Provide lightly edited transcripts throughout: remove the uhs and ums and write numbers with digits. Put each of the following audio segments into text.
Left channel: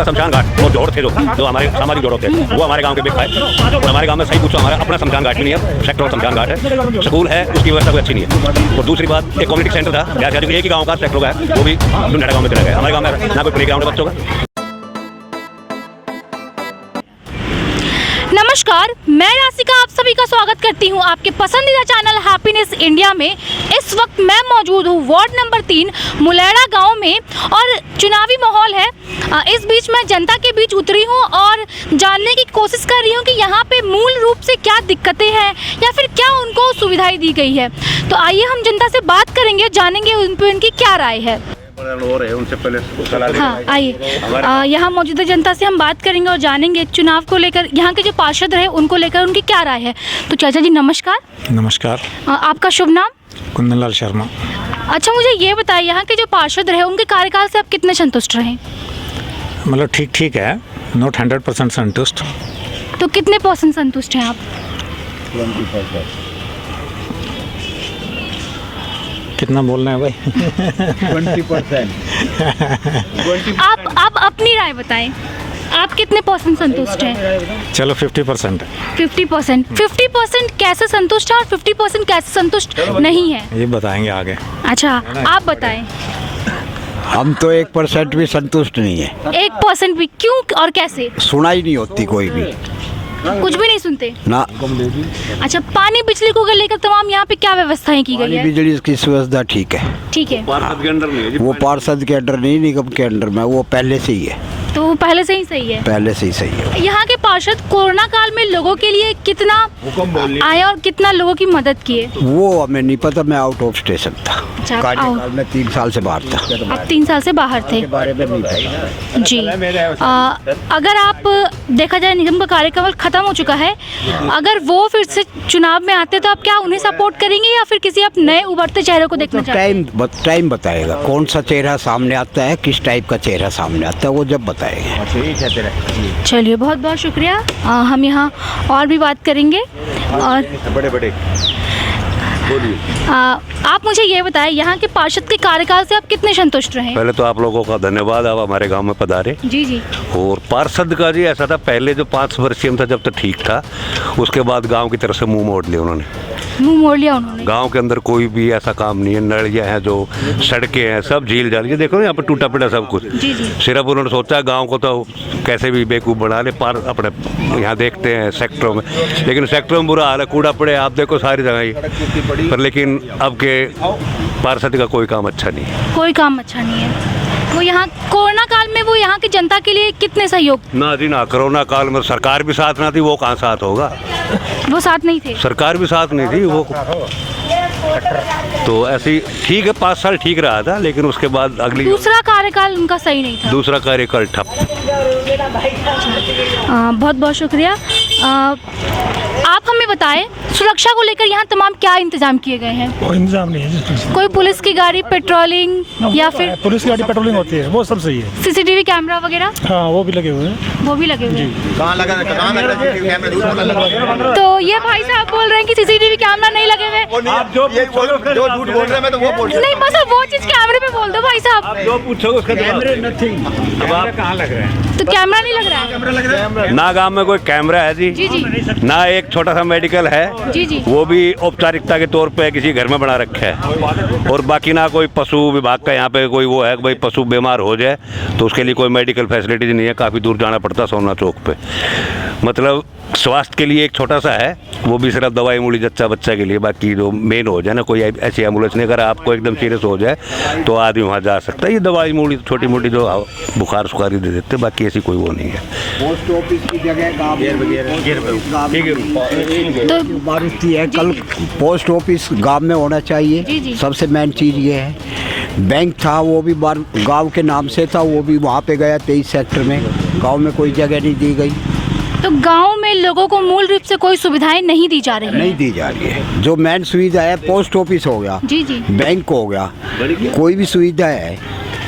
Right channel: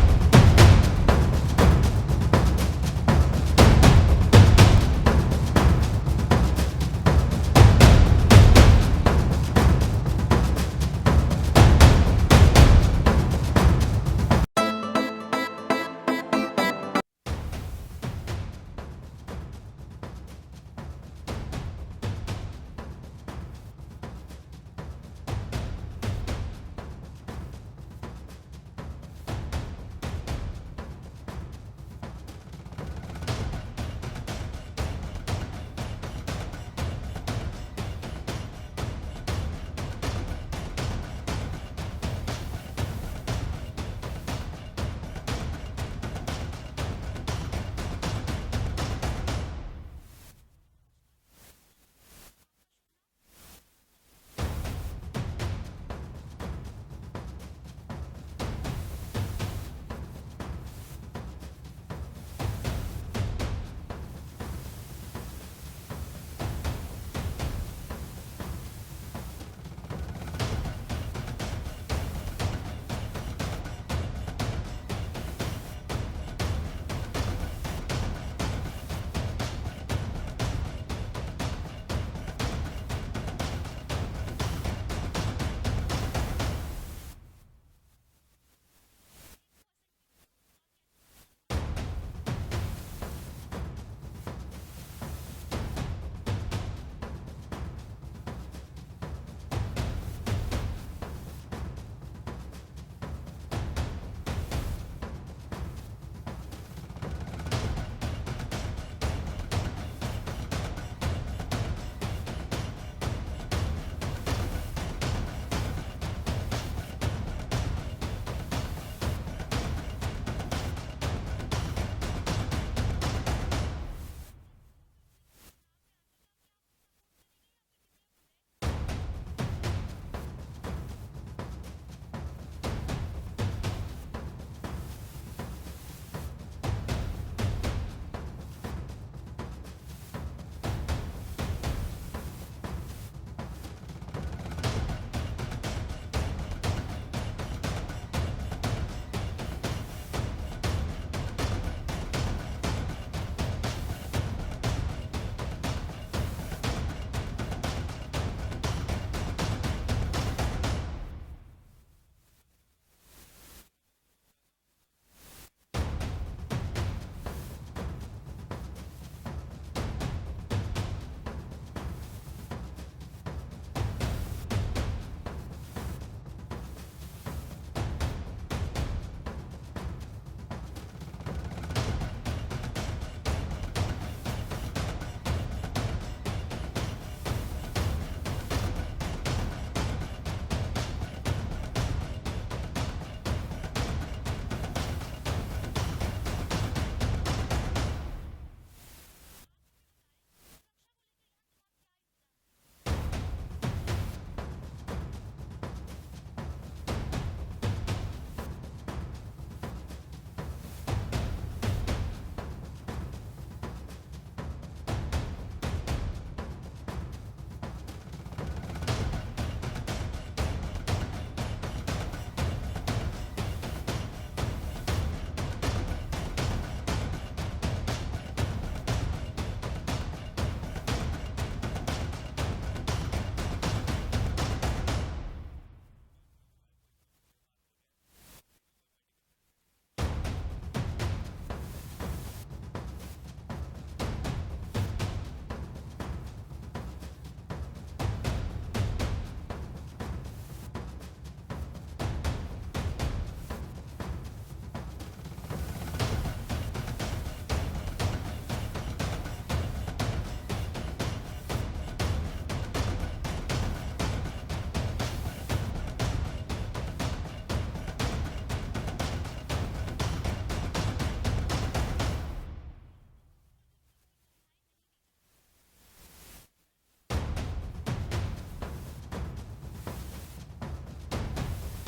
का शमशान घाट वो जोड़ थे जो हमारे सामाजिक जोड़ थे वो हमारे गांव के बिक पाए। हमारे गांव में सही पूछो हमारा अपना शमशान घाट भी नहीं है, सेक्टर और शमशान घाट है, स्कूल है, उसकी व्यवस्था भी अच्छी नहीं है। और दूसरी बात एक कम्युनिटी सेंटर था, क्या एक ही गाँव का सेक्टर है वो भी दुनिया गाँव में चला गया। हमारे गाँव में ना कोई प्ले ग्राउंड बच्चों का। नमस्कार, मैं राशिका आप सभी का स्वागत करती हूं आपके पसंदीदा चैनल हैप्पीनेस इंडिया में। इस वक्त मैं मौजूद हूं वार्ड नंबर 3 मुलेड़ा गांव में और चुनावी माहौल है। इस बीच मैं जनता के बीच उतरी हूं और जानने की कोशिश कर रही हूं कि यहां पे मूल रूप से क्या दिक्कतें हैं या फिर क्या उनको सुविधाएं दी गई है। तो आइए हम जनता से बात करेंगे, जानेंगे उन पर उनकी क्या राय है। उनसे पहले हाँ, आइए यहाँ मौजूदा जनता से हम बात करेंगे और जानेंगे चुनाव को लेकर यहाँ के जो पार्षद रहे उनको लेकर उनकी क्या राय है। तो चाचा जी नमस्कार। नमस्कार। आपका शुभ नाम? कुंदनलाल शर्मा। अच्छा, मुझे ये बताइए यहाँ के जो पार्षद रहे उनके कार्यकाल से आप कितने संतुष्ट रहे? मतलब ठीक ठीक है, नॉट 100% संतुष्ट। तो कितने % संतुष्ट हैं आप? 20%। कितना बोलना है भाई? 20%। आप अपनी राय बताएं, आप कितने % संतुष्ट हैं? चलो 50%। 50% कैसे संतुष्ट है और 50% कैसे संतुष्ट नहीं है, ये बताएंगे आगे। अच्छा आप बताएं। हम तो 1% भी संतुष्ट नहीं है। 1% भी क्यों और कैसे? सुना ही नहीं होती कोई भी, कुछ भी नहीं सुनते ना। अच्छा, पानी बिजली को लेकर तमाम यहाँ पे क्या व्यवस्थाएं की गई है? बिजली की सुविधा ठीक है, ठीक है। पार्षद के अंडर नहीं है जी, वो पार्षद के अंडर नहीं, निगम के अंडर में, वो पहले से ही है। तो वो पहले से ही सही है, पहले से ही सही है। यहाँ के पार्षद कोरोना काल में लोगों के लिए कितना आए और कितना लोगों की मदद किए? वो हमें नहीं पता, मैं आउट ऑफ स्टेशन था, अच्छा, आप कार्यकाल में 3 साल से बाहर था। आप 3 साल से बाहर थे बारे में नहीं पता जी। अगर आप देखा जाए निगम का कार्यकाल खत्म हो चुका है, अगर वो फिर से चुनाव में आते तो आप क्या उन्हें सपोर्ट करेंगे या फिर किसी आप नए उभरते चेहरे को देखना चाहते हैं? टाइम बताएगा कौन सा चेहरा सामने आता है, किस टाइप का चेहरा सामने आता है, वो जब बताएगा। चलिए, बहुत बहुत शुक्रिया। हम यहाँ और भी बात करेंगे। और बड़े आप मुझे ये बताएं, यहाँ के पार्षद के कार्यकाल से आप कितने संतुष्ट रहे? पहले तो आप लोगों का धन्यवाद, आप हमारे गांव में पधारे। जी जी। और पार्षद का जी ऐसा था, पहले जो 5 वर्षीय था जब तो ठीक था, उसके बाद गांव की तरफ से मुंह मोड़ लिया उन्होंने। मुंह मोड़ लिया उन्होंने? गांव के अंदर कोई भी ऐसा काम नहीं है, नलियाँ हैं, जो सड़कें हैं, सब झील जाल, ये देखो ना यहाँ पे टूटा पिटा सब कुछ। जी जी। सिर्फ उन्होंने सोचा गांव को तो कैसे भी बेवकूफ़ बना ले, पार अपने यहाँ देखते हैं सेक्टरों में, लेकिन सेक्टरों में बुरा हाल है, कूड़ा पड़े आप देखो सारी जगह ही पर। लेकिन अब के पार्षद का कोई काम अच्छा नहीं है, कोई काम अच्छा नहीं है। वो यहाँ कोरोना काल में वो यहाँ की जनता के लिए कितने सहयोग? ना जी ना, कोरोना काल में सरकार भी साथ ना थी, वो कहाँ साथ होगा? वो साथ नहीं थे, सरकार भी साथ नहीं थी, वो तो ऐसी ठीक है 5 साल ठीक रहा था, लेकिन उसके बाद अगली दूसरा कार्यकाल उनका सही नहीं था। दूसरा कार्यकाल ठप। बहुत बहुत शुक्रिया। आप हमें बताएं, सुरक्षा को लेकर यहाँ तमाम क्या इंतजाम किए गए हैं? कोई इंतजाम नहीं है। कोई पुलिस की गाड़ी पेट्रोलिंग या फिर पुलिस की गाड़ी पेट्रोलिंग होती है, वो सब सही है। CCTV कैमरा वगैरह? हाँ, वो भी लगे हुए हैं। वो भी लगे हुए हैं। कहाँ लगा कैमरा? तो ये भाई साहब बोल रहे हैं कि CCTV कैमरा नहीं लगे हुए। आप जो झूठ बोल रहे हैं मैं तो वो बोल नहीं, बस वो चीज कैमरे पे बोल दो भाई साहब। जो पूछोगे उसका कैमरे नथिंग। अब आप कहाँ लग रहे हैं? तो कैमरा नहीं लग रहा है? ना गांव में कोई कैमरा है जी, जी जी ना एक छोटा सा मेडिकल है, जी जी। वो भी औपचारिकता के तौर पे किसी घर में बना रखा है। और बाकी ना कोई पशु विभाग का यहाँ पे कोई वो है कि भाई पशु बीमार हो जाए तो उसके लिए कोई मेडिकल फैसिलिटीज नहीं है, काफ़ी दूर जाना पड़ता सोना चौक पे। मतलब स्वास्थ्य के लिए एक छोटा सा है, वो भी सिर्फ दवाई मूली जच्चा बच्चा के लिए, बाकी जो मेन हो जाए ना, कोई ऐसी एम्बुलेंस नहीं, अगर आपको एकदम सीरियस हो जाए तो आदमी वहाँ जा सकता है। ये दवाई मूली छोटी मोटी जो बुखार सुखारी दे देते, बाकी ऐसी कोई वो नहीं है। पोस्ट ऑफिस की जगह मारुति है, कल पोस्ट ऑफिस गांव में होना चाहिए, सबसे मेन चीज़ ये है। बैंक था वो भी गांव के नाम से था, वो भी वहाँ पे गया 23 सेक्टर में, गांव में कोई जगह नहीं दी गई। तो गांव में लोगों को मूल रूप से कोई सुविधाएं नहीं दी जा रही नहीं दी जा रही है। जो मेन सुविधा है, पोस्ट ऑफिस हो गया, जी जी, बैंक हो गया, कोई भी सुविधा है,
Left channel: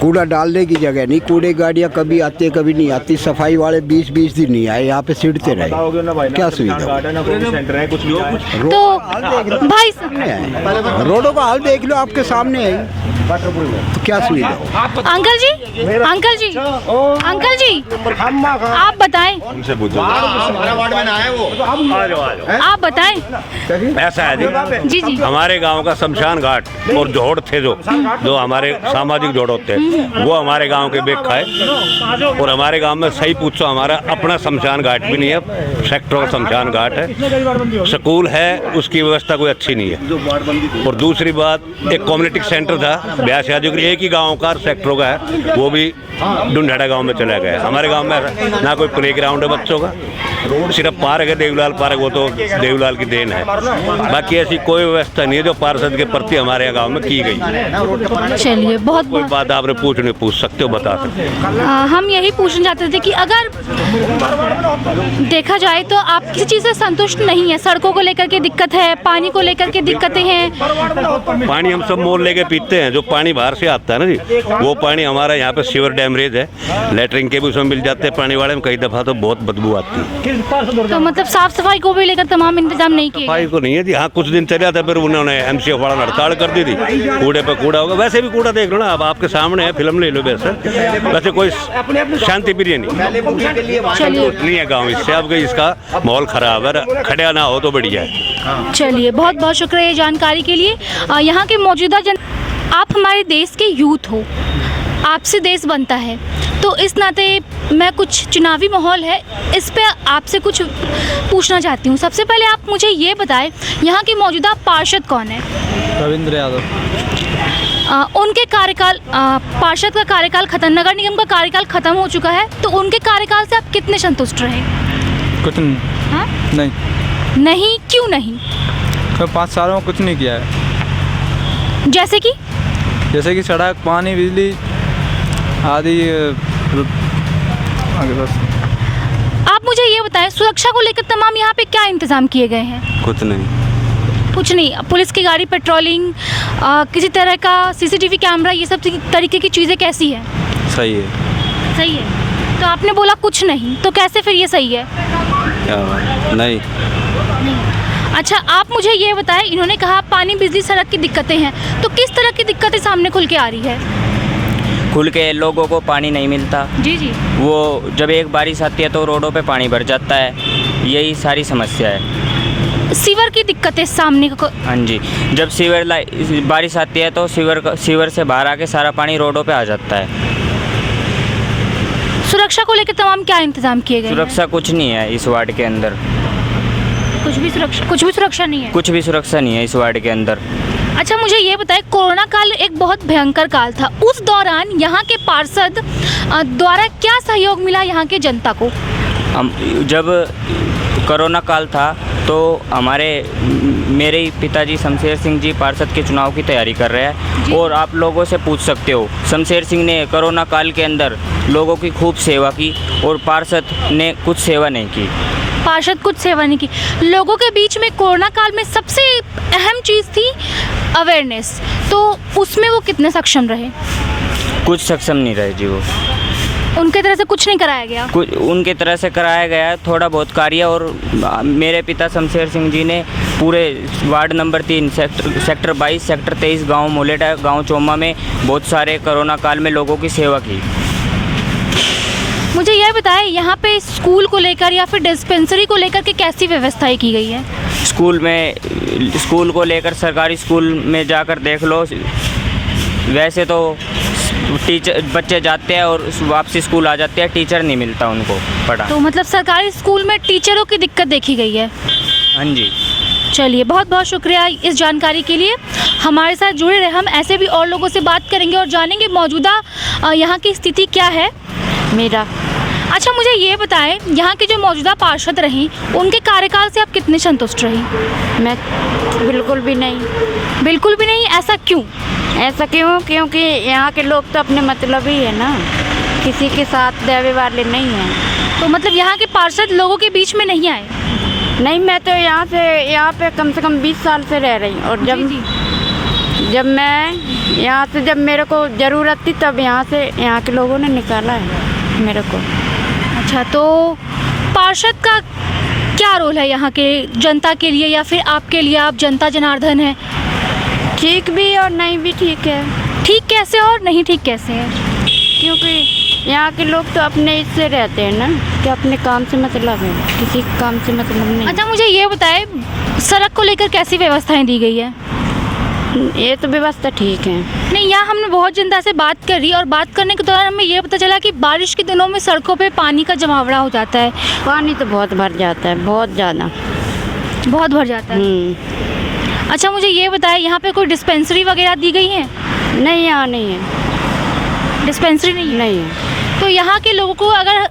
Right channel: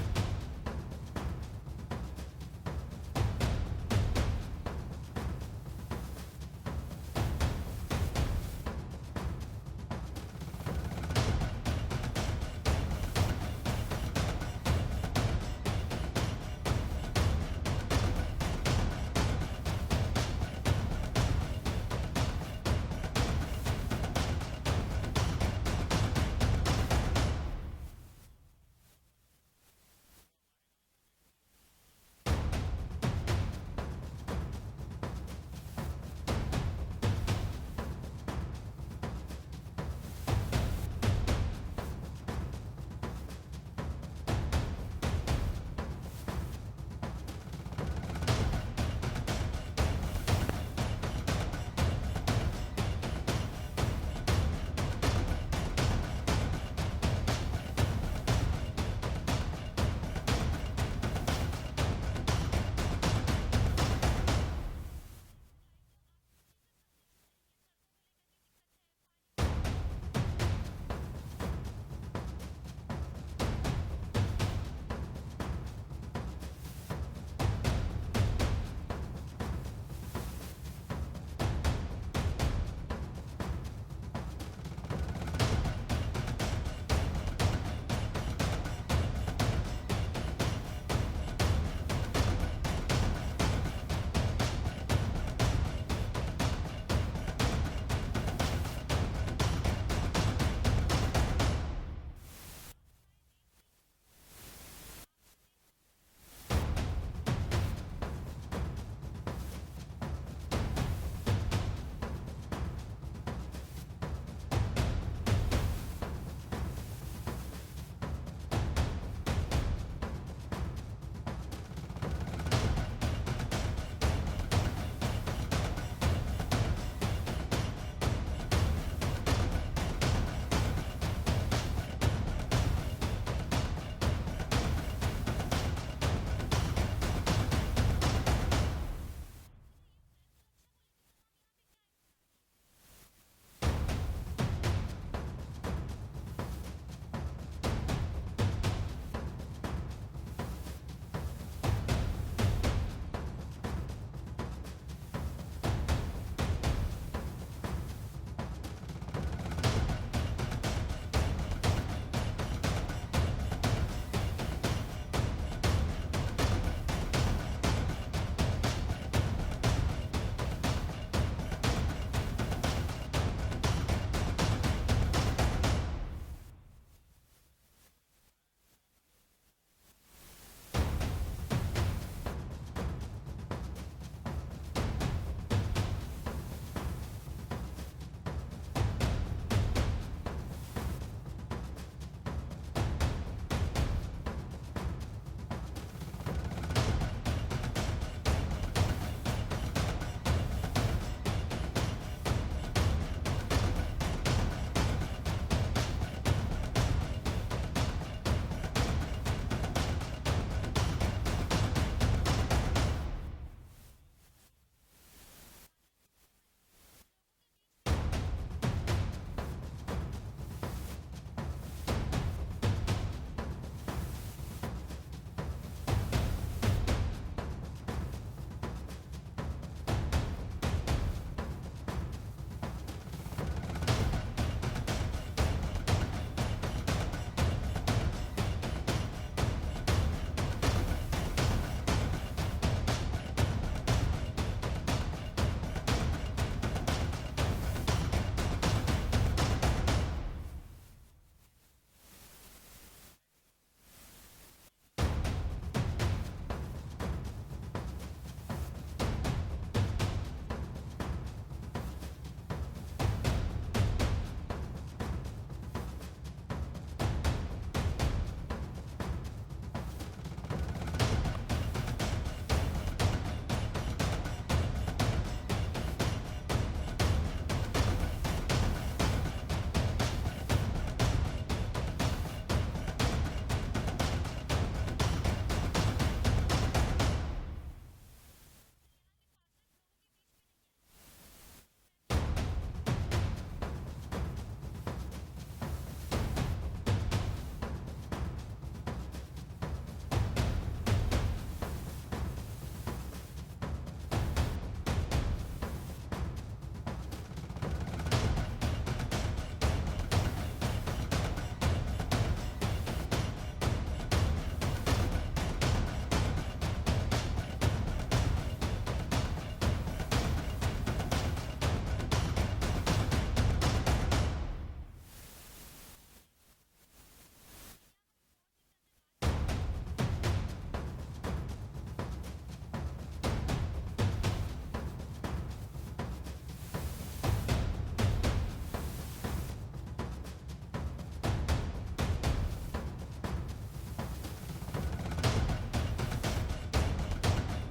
कूड़ा डालने की जगह नहीं, कूड़े गाड़ियाँ कभी आती है कभी नहीं आती, सफाई वाले 20-20 दिन नहीं आए, यहाँ पे सिड़ते रहे, क्या सुविधा? तो भाई रोडों का हाल देख लो, आपके सामने है, तो क्या सुविधा? अंकल जी, अंकल जी, अंकल जी, जी आप बताएं, उनसे पूछो। आप बताएं। ऐसा है जी जी हमारे गांव का शमशान घाट और जोड़ थे जो हमारे सामाजिक जोड़ होते हैं वो हमारे गांव के बेग खाए। और हमारे गांव में सही पूछो हमारा अपना शमशान घाट भी नहीं है, सेक्टरों का शमशान घाट है। स्कूल है उसकी व्यवस्था कोई अच्छी नहीं है। और दूसरी बात एक कम्युनिटी सेंटर था ब्यास यादव एक ही गाँव का सेक्टरों का है, वो भी ढूंढाड़ा गांव में चला गया। हमारे गांव में ना कोई प्ले ग्राउंड है बच्चों का, सिर्फ पार्क है देवलाल पार्क, वो तो देवलाल की देन है। बाकी ऐसी कोई व्यवस्था नहीं है जो पार्षद के प्रति हमारे गांव में की गई। चलिए बहुत कोई बात आपने पूछ सकते हो, बता सकते हो। हम यही पूछना चाहते थे कि अगर देखा जाए तो आप किसी चीज़ से संतुष्ट नहीं है, सड़कों को लेकर के दिक्कत है, पानी को लेकर के दिक्कतें हैं। पानी हम सब मोल लेके पीते हैं, जो पानी बाहर से आता है ना जी वो पानी हमारा यहाँ पे सीवर डैमरेज है, लेटरिन के भी उसमें मिल जाते हैं पानी वाले में, कई दफ़ा तो बहुत बदबू आती है। तो मतलब साफ सफाई को भी लेकर तमाम इंतजाम नहीं किए सफाई को नहीं है जी। हाँ कुछ दिन चला था फिर उन्होंने MCF वाला हड़ताल कर दी थी, कूड़े पे कूड़ा होगा। वैसे भी कूड़ा देख लो ना, अब आपके सामने है, फिल्म ले लो। वैसे कोई शांति प्रिय नहीं है गाँव, इससे अब इसका माहौल खराब है, खड़ा ना हो तो बढ़िया है। चलिए बहुत बहुत शुक्रिया ये जानकारी के लिए। यहाँ के मौजूदा आप हमारे देश के यूथ हो, आपसे देश बनता है, तो इस नाते मैं कुछ चुनावी माहौल है इस पे आपसे कुछ पूछना चाहती हूँ। सबसे पहले आप मुझे ये बताएं यहाँ के मौजूदा पार्षद कौन है? रविंद्र यादव। उनके कार्यकाल पार्षद का कार्यकाल खत्म, नगर निगम का कार्यकाल खत्म हो चुका है, तो उनके कार्यकाल से आप कितने संतुष्ट रहे? कुछ नहीं। हाँ? नहीं क्यों नहीं? 5 सालों में कुछ नहीं किया है। जैसे कि सड़क, पानी, बिजली आदि। आप मुझे ये बताएं सुरक्षा को लेकर तमाम यहाँ पे क्या इंतजाम किए गए हैं? कुछ नहीं। पुलिस की गाड़ी, पेट्रोलिंग, किसी तरह का CCTV कैमरा, ये सब तरीके की चीज़ें कैसी है? सही है। तो आपने बोला कुछ नहीं, तो कैसे फिर ये सही है? नहीं। अच्छा आप मुझे ये बताएं, इन्होंने कहा पानी, बिजली, सड़क की दिक्कतें हैं, तो किस तरह की दिक्कतें सामने खुल के आ रही है? खुल के लोगों को पानी नहीं मिलता। जी। वो जब एक बारिश आती है तो रोडों पे पानी भर जाता है, यही सारी समस्या है। सीवर की दिक्कतें सामने को। हाँ जी, जब बारिश आती है तो सीवर से बाहर आके सारा पानी रोडों पे आ जाता है। सुरक्षा को लेकर तमाम क्या इंतजाम किए गए? सुरक्षा कुछ नहीं है इस वार्ड के अंदर। कुछ भी सुरक्षा नहीं है? कुछ भी सुरक्षा नहीं है इस वार्ड के अंदर। अच्छा मुझे ये बताएं, कोरोना काल एक बहुत भयंकर काल था, उस दौरान यहाँ के पार्षद द्वारा क्या सहयोग मिला यहाँ के जनता को? जब कोरोना काल था तो मेरे पिताजी शमशेर सिंह जी पार्षद के चुनाव की तैयारी कर रहे हैं, और आप लोगों से पूछ सकते हो, शमशेर सिंह ने कोरोना काल के अंदर लोगों की खूब सेवा की और पार्षद ने कुछ सेवा नहीं की। पार्षद कुछ सेवा नहीं की। लोगों के बीच में कोरोना काल में सबसे अहम चीज़ थी अवेयरनेस, तो उसमें वो कितने सक्षम रहे? कुछ सक्षम नहीं रहे जी। वो उनके तरह से कुछ नहीं कराया गया? कुछ उनके तरह से कराया गया है, थोड़ा बहुत कार्य। और मेरे पिता शमशेर सिंह जी ने पूरे वार्ड नंबर 3 सेक्टर 22 सेक्टर 23 गांव मोलेटा, गांव चोमा में बहुत सारे कोरोना काल में लोगों की सेवा की। मुझे यह बताएं यहाँ पे स्कूल को लेकर या फिर डिस्पेंसरी को लेकर के कैसी व्यवस्थाएं की गई है? स्कूल को लेकर सरकारी स्कूल में जाकर देख लो, वैसे तो बच्चे जाते हैं और वापसी स्कूल आ जाते हैं, टीचर नहीं मिलता उनको पढ़ा। तो मतलब सरकारी स्कूल में टीचरों की दिक्कत देखी गई है? हाँ जी। चलिए बहुत बहुत शुक्रिया इस जानकारी के लिए। हमारे साथ जुड़े रहे, हम ऐसे भी और लोगों से बात करेंगे और जानेंगे मौजूदा यहाँ की स्थिति क्या है। अच्छा मुझे ये बताएं, यहाँ के जो मौजूदा पार्षद रहीं उनके कार्यकाल से आप कितने संतुष्ट रही? मैं बिल्कुल भी नहीं। ऐसा क्यों? क्योंकि यहाँ के लोग तो अपने मतलब ही है ना, किसी के साथ देवे वाले नहीं हैं। तो मतलब यहाँ के पार्षद लोगों के बीच में नहीं आए? नहीं, मैं तो यहाँ पे कम से कम 20 साल से रह रही हूँ, और जब मैं यहाँ से, जब मेरे को ज़रूरत थी तब यहाँ के लोगों ने निकाला है मेरे को। अच्छा तो पार्षद का क्या रोल है यहाँ के जनता के लिए या फिर आपके लिए? आप जनता जनार्दन है। ठीक भी और नहीं भी ठीक है। ठीक कैसे और नहीं ठीक कैसे है? क्योंकि यहाँ के लोग तो अपने इससे रहते हैं ना कि अपने काम से मतलब है, किसी काम से मतलब नहीं। अच्छा मुझे ये बताएं, सड़क को लेकर कैसी व्यवस्थाएं दी गई है? ये तो व्यवस्था ठीक है। नहीं, यहाँ हमने बहुत जनता से बात करी और बात करने के दौरान हमें ये पता चला कि बारिश के दिनों में सड़कों पे पानी का जमावड़ा हो जाता है। पानी तो बहुत भर जाता है, बहुत ज़्यादा, बहुत भर जाता है। अच्छा मुझे ये बताएं, यहाँ पे कोई डिस्पेंसरी वगैरह दी गई है? नहीं, यहाँ नहीं है, डिस्पेंसरी नहीं है। नहीं है। तो यहाँ के लोगों को अगर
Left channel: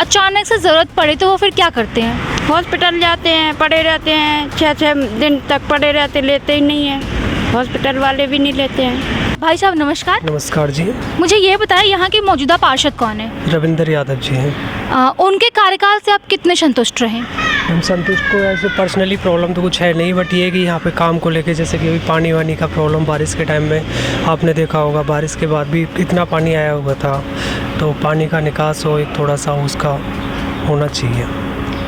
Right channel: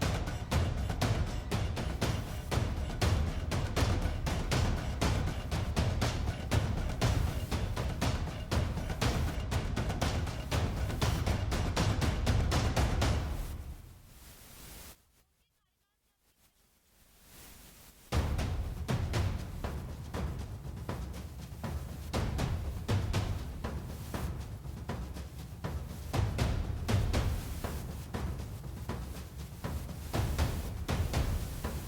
अचानक से ज़रूरत पड़े तो वो फिर क्या करते हैं? हॉस्पिटल जाते हैं, पड़े रहते हैं, 6-6 दिन तक पड़े रहते, लेते ही नहीं है, हॉस्पिटल वाले भी नहीं लेते हैं। भाई साहब नमस्कार। नमस्कार जी। मुझे ये बताएं, यहाँ के मौजूदा पार्षद कौन है? रविंद्र यादव जी हैं। उनके कार्यकाल से आप कितने संतुष्ट रहे? हम संतुष्ट को ऐसे पर्सनली प्रॉब्लम तो कुछ है नहीं, बट ये कि यहाँ पे काम को लेके जैसे कि अभी पानी वानी का प्रॉब्लम बारिश के टाइम में आपने देखा होगा, बारिश के बाद भी इतना पानी आया हुआ था, तो पानी का निकास हो एक थोड़ा सा उसका होना चाहिए।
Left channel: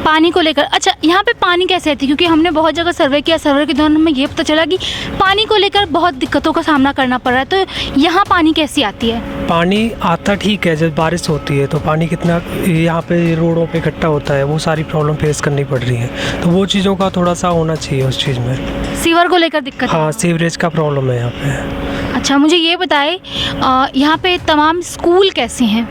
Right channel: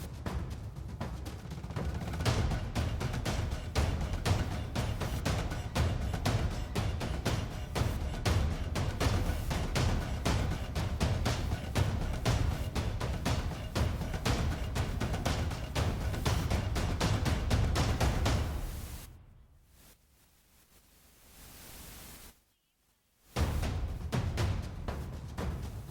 पानी को लेकर, अच्छा यहाँ पे पानी कैसे आती है? क्योंकि हमने बहुत जगह सर्वे किया, सर्वे के दौरान हमें ये पता चला कि पानी को लेकर बहुत दिक्कतों का सामना करना पड़ रहा है। तो यहाँ पानी कैसी आती है? पानी आता ठीक है, जब बारिश होती है तो पानी कितना यहाँ पे रोडों पे इकट्ठा होता है, वो सारी प्रॉब्लम फेस करनी पड़ रही है, तो वो चीज़ों का थोड़ा सा होना चाहिए उस चीज़ में। सीवर को लेकर दिक्कत? हाँ, सीवरेज का प्रॉब्लम है यहाँ पे। अच्छा मुझे ये बताएं, यहाँ पे तमाम स्कूल कैसे हैं?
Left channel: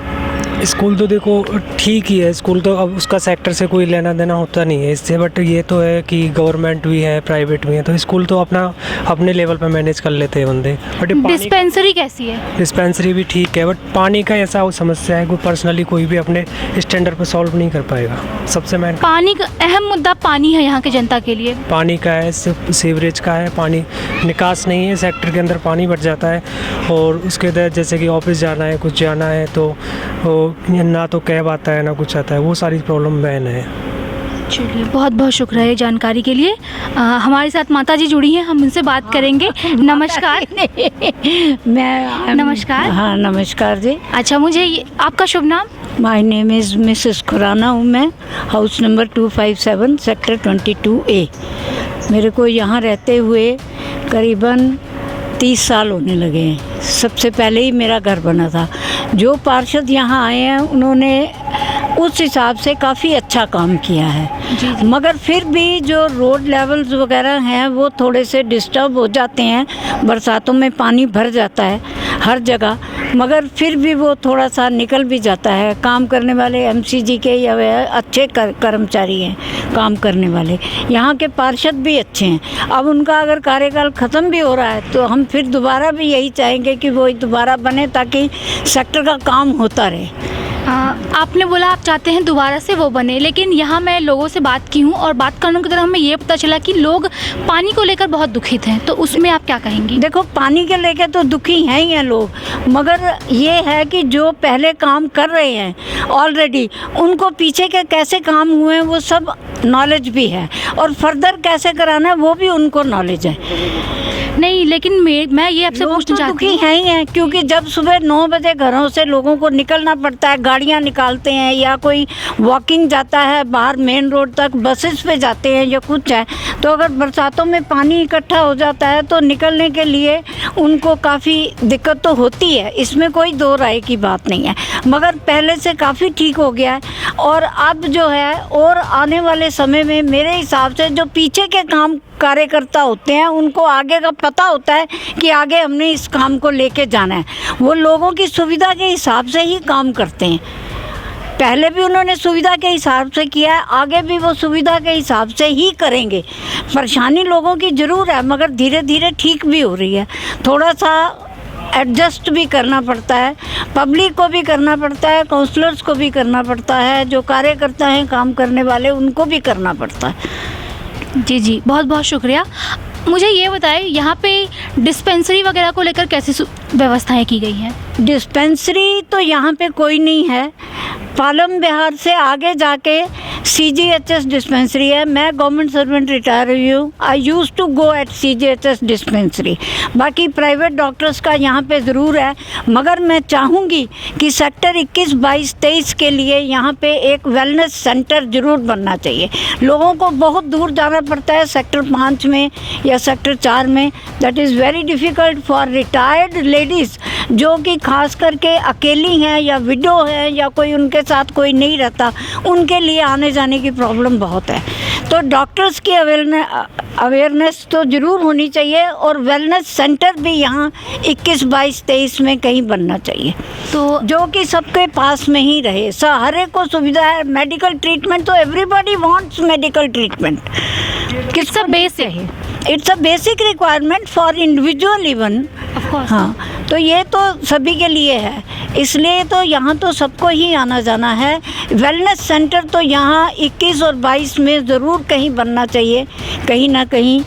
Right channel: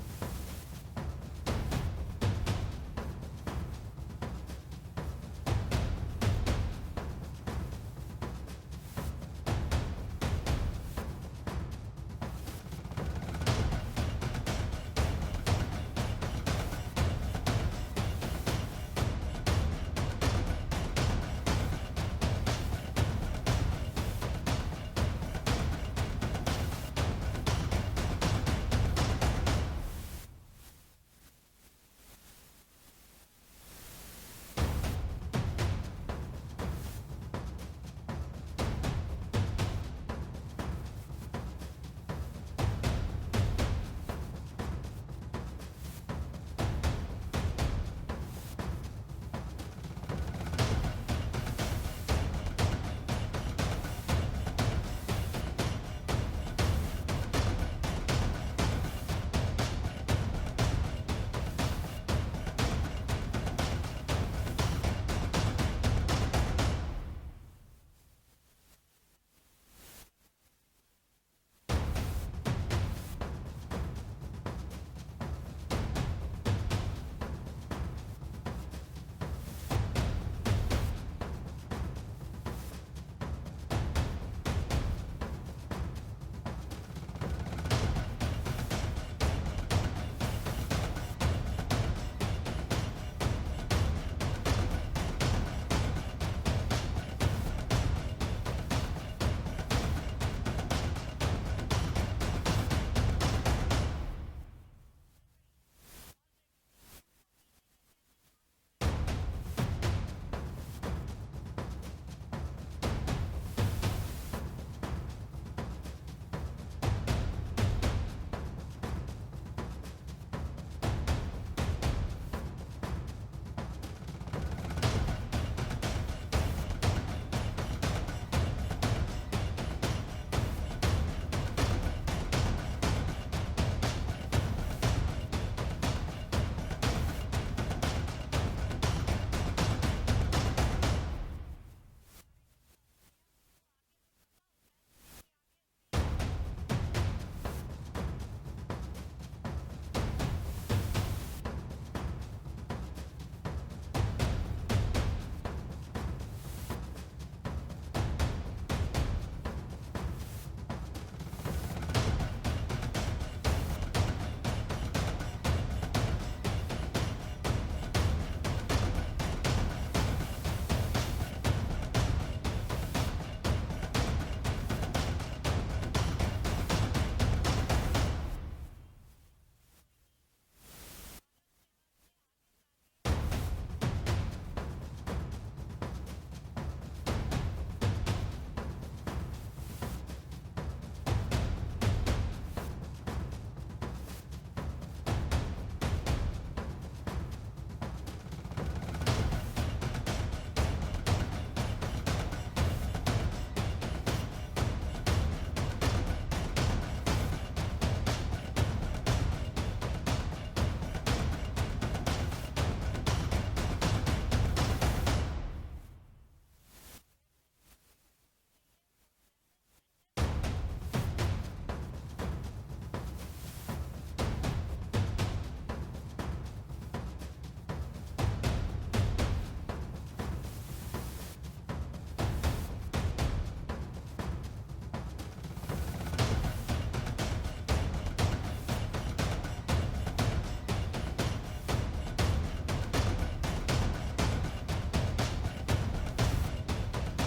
स्कूल तो देखो ठीक ही है, स्कूल तो अब उसका सेक्टर से कोई लेना देना होता नहीं है इससे, बट ये तो है कि गवर्नमेंट भी है, प्राइवेट भी है, तो स्कूल तो अपने लेवल पर मैनेज कर लेते हैं बंदे। बट डिस्पेंसरी कैसी है? डिस्पेंसरी भी ठीक है, बट पानी का ऐसा समस्या है, कोई पर्सनली कोई भी अपने स्टैंडर्ड पर सॉल्व नहीं कर पाएगा। सबसे मेन पानी का अहम मुद्दा पानी है यहाँ के जनता के लिए। पानी का है, सीवरेज का है, पानी निकास नहीं है, सेक्टर के अंदर पानी भर जाता है, और उसके तहत जैसे कि ऑफिस जाना है, कुछ जाना है तो ना तो कैब आता है ना कुछ आता है, वो सारी प्रॉब्लम मैन है। चलिए बहुत बहुत शुक्रिया ये जानकारी के लिए। हमारे साथ माता जी जुड़ी हैं, हम उनसे बात करेंगे। नमस्कार। मैं नमस्कार। हाँ नमस्कार जी। अच्छा मुझे आपका शुभ नाम? My name is Mrs Khurana हूँ मैं, हाउस नंबर 257 सेक्टर 22A। मेरे को यहाँ रहते हुए करीबन 30 साल होने लगे हैं। सबसे पहले ही मेरा घर बना था। जो पार्षद यहाँ आए हैं उन्होंने उस हिसाब से काफ़ी अच्छा काम किया है, मगर फिर भी जो रोड लेवल्स वगैरह हैं वो थोड़े से डिस्टर्ब हो जाते हैं, बरसातों में पानी भर जाता है हर जगह, मगर फिर भी वो थोड़ा सा निकल भी जाता है। काम करने वाले MCG के या अच्छे कर्मचारी हैं काम करने वाले, यहाँ के पार्षद भी अच्छे हैं। अब उनका अगर कार्यकाल ख़त्म भी हो रहा है तो हम फिर दोबारा भी यही चाहेंगे कि वो दोबारा बने ताकि सेक्टर का काम होता रहे। आपने बोला आप चाहते हैं दोबारा से वो बने, लेकिन यहाँ मैं लोगों से बात की हूँ और बात करने के दौरान हमें ये पता चला कि लोग पानी को लेकर बहुत दुखित हैं, तो उसमें आप क्या कहेंगी? देखो पानी के लेकर तो दुखी हैं ही हैं लोग, मगर ये है कि जो पहले काम कर रहे हैं ऑलरेडी, उनको पीछे के कैसे काम हुए हैं वो सब नॉलेज भी है, और फर्दर कैसे कराना है वो भी उनको नॉलेज है। नहीं, लेकिन मैं ये आपसे पूछना चाहती हूँ, है ही हैं, क्योंकि जब सुबह 9 बजे घरों से लोगों को निकलना पड़ता है, गाड़ियाँ निकालते हैं या कोई वॉकिंग जाता है बाहर मेन रोड तक, बसेस पे जाते हैं या कुछ है, तो अगर बरसातों में पानी इकट्ठा हो जाता है तो निकलने के लिए उनको काफ़ी दिक्कत तो होती है, इसमें कोई दो राय की बात नहीं है, मगर पहले से काफ़ी ठीक हो गया है। और अब जो है और आने वाले समय में मेरे हिसाब से जो पीछे के काम कार्यकर्ता होते हैं उनको आगे का पता होता है कि आगे हमने इस काम को लेके जाना है, वो लोगों की सुविधा के हिसाब से ही काम करते हैं। पहले भी उन्होंने सुविधा के हिसाब से किया है, आगे भी वो सुविधा के हिसाब से ही करेंगे। परेशानी लोगों की ज़रूर है, मगर धीरे धीरे ठीक भी हो रही है। थोड़ा सा एडजस्ट भी करना पड़ता है, पब्लिक को भी करना पड़ता है, काउंसलर्स को भी करना पड़ता है, जो कार्यकर्ता हैं काम करने वाले उनको भी करना पड़ता है। जी बहुत बहुत शुक्रिया। मुझे ये बताएं, यहाँ पे डिस्पेंसरी वगैरह को लेकर कैसी व्यवस्थाएं की गई हैं? डिस्पेंसरी तो यहाँ पे कोई नहीं है। पालम बिहार से आगे जाके CGHS डिस्पेंसरी है। मैं गवर्नमेंट सर्वेंट रिटायर हुई हूँ। I use to go at CGHS dispensary. बाकी प्राइवेट डॉक्टर्स का यहाँ पे ज़रूर है, मगर मैं चाहूँगी कि सेक्टर 21, 22, 23 के लिए यहाँ पे एक वेलनेस सेंटर ज़रूर बनना चाहिए। लोगों को बहुत दूर जाना पड़ता है सेक्टर 5 में या सेक्टर 4 में। That is very difficult for retired ladies जो कि खास करके अकेली हैं या विडो हैं या कोई उनके साथ कोई नहीं रहता, उनके लिए आने जाने की प्रॉब्लम बहुत है। तो डॉक्टर्स की अवेयरनेस तो ज़रूर होनी चाहिए और वेलनेस सेंटर भी यहाँ 21, 22, 23 में कहीं बनना चाहिए, तो जो कि सबके पास में ही रहे। हर एक को सुविधा है। मेडिकल ट्रीटमेंट तो एवरीबॉडी वांट्स मेडिकल ट्रीटमेंट। किसका बेस है? It's a basic requirement for individual even. हाँ, तो ये तो सभी के लिए है, इसलिए तो यहाँ तो सबको ही आना जाना है। वेलनेस सेंटर तो यहाँ 21 और 22 में ज़रूर कहीं बनना चाहिए, कहीं ना कहीं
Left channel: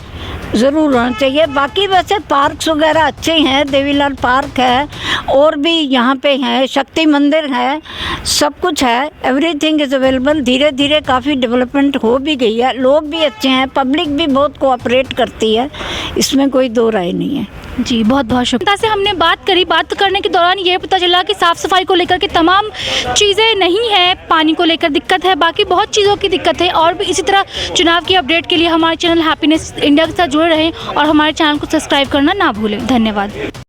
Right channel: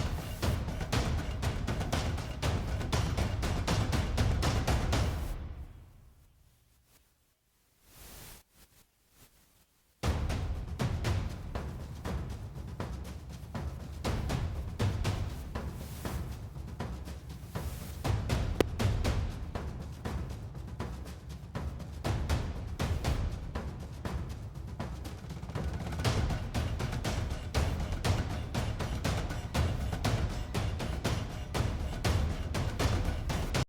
ज़रूर होना चाहिए। बाकी वैसे पार्क्स वगैरह अच्छे हैं, देवीलाल पार्क है और भी यहाँ पे हैं, शक्ति मंदिर है, सब कुछ है। Everything is available. धीरे धीरे काफ़ी डेवलपमेंट हो भी गई है, लोग भी अच्छे हैं, पब्लिक भी बहुत कोऑपरेट करती है, इसमें कोई दो राय नहीं है। जी बहुत बहुत शुक्रिया। से हमने बात करी, बात करने के दौरान ये पता चला कि साफ़ सफाई को लेकर के तमाम चीज़ें नहीं है, पानी को लेकर दिक्कत है, बाकी बहुत चीज़ों की दिक्कत है। और भी इसी तरह चुनाव की अपडेट के लिए हमारे चैनल हैप्पीनेस इंडिया के साथ जुड़े रहें और हमारे चैनल को सब्सक्राइब करना ना भूलें। धन्यवाद।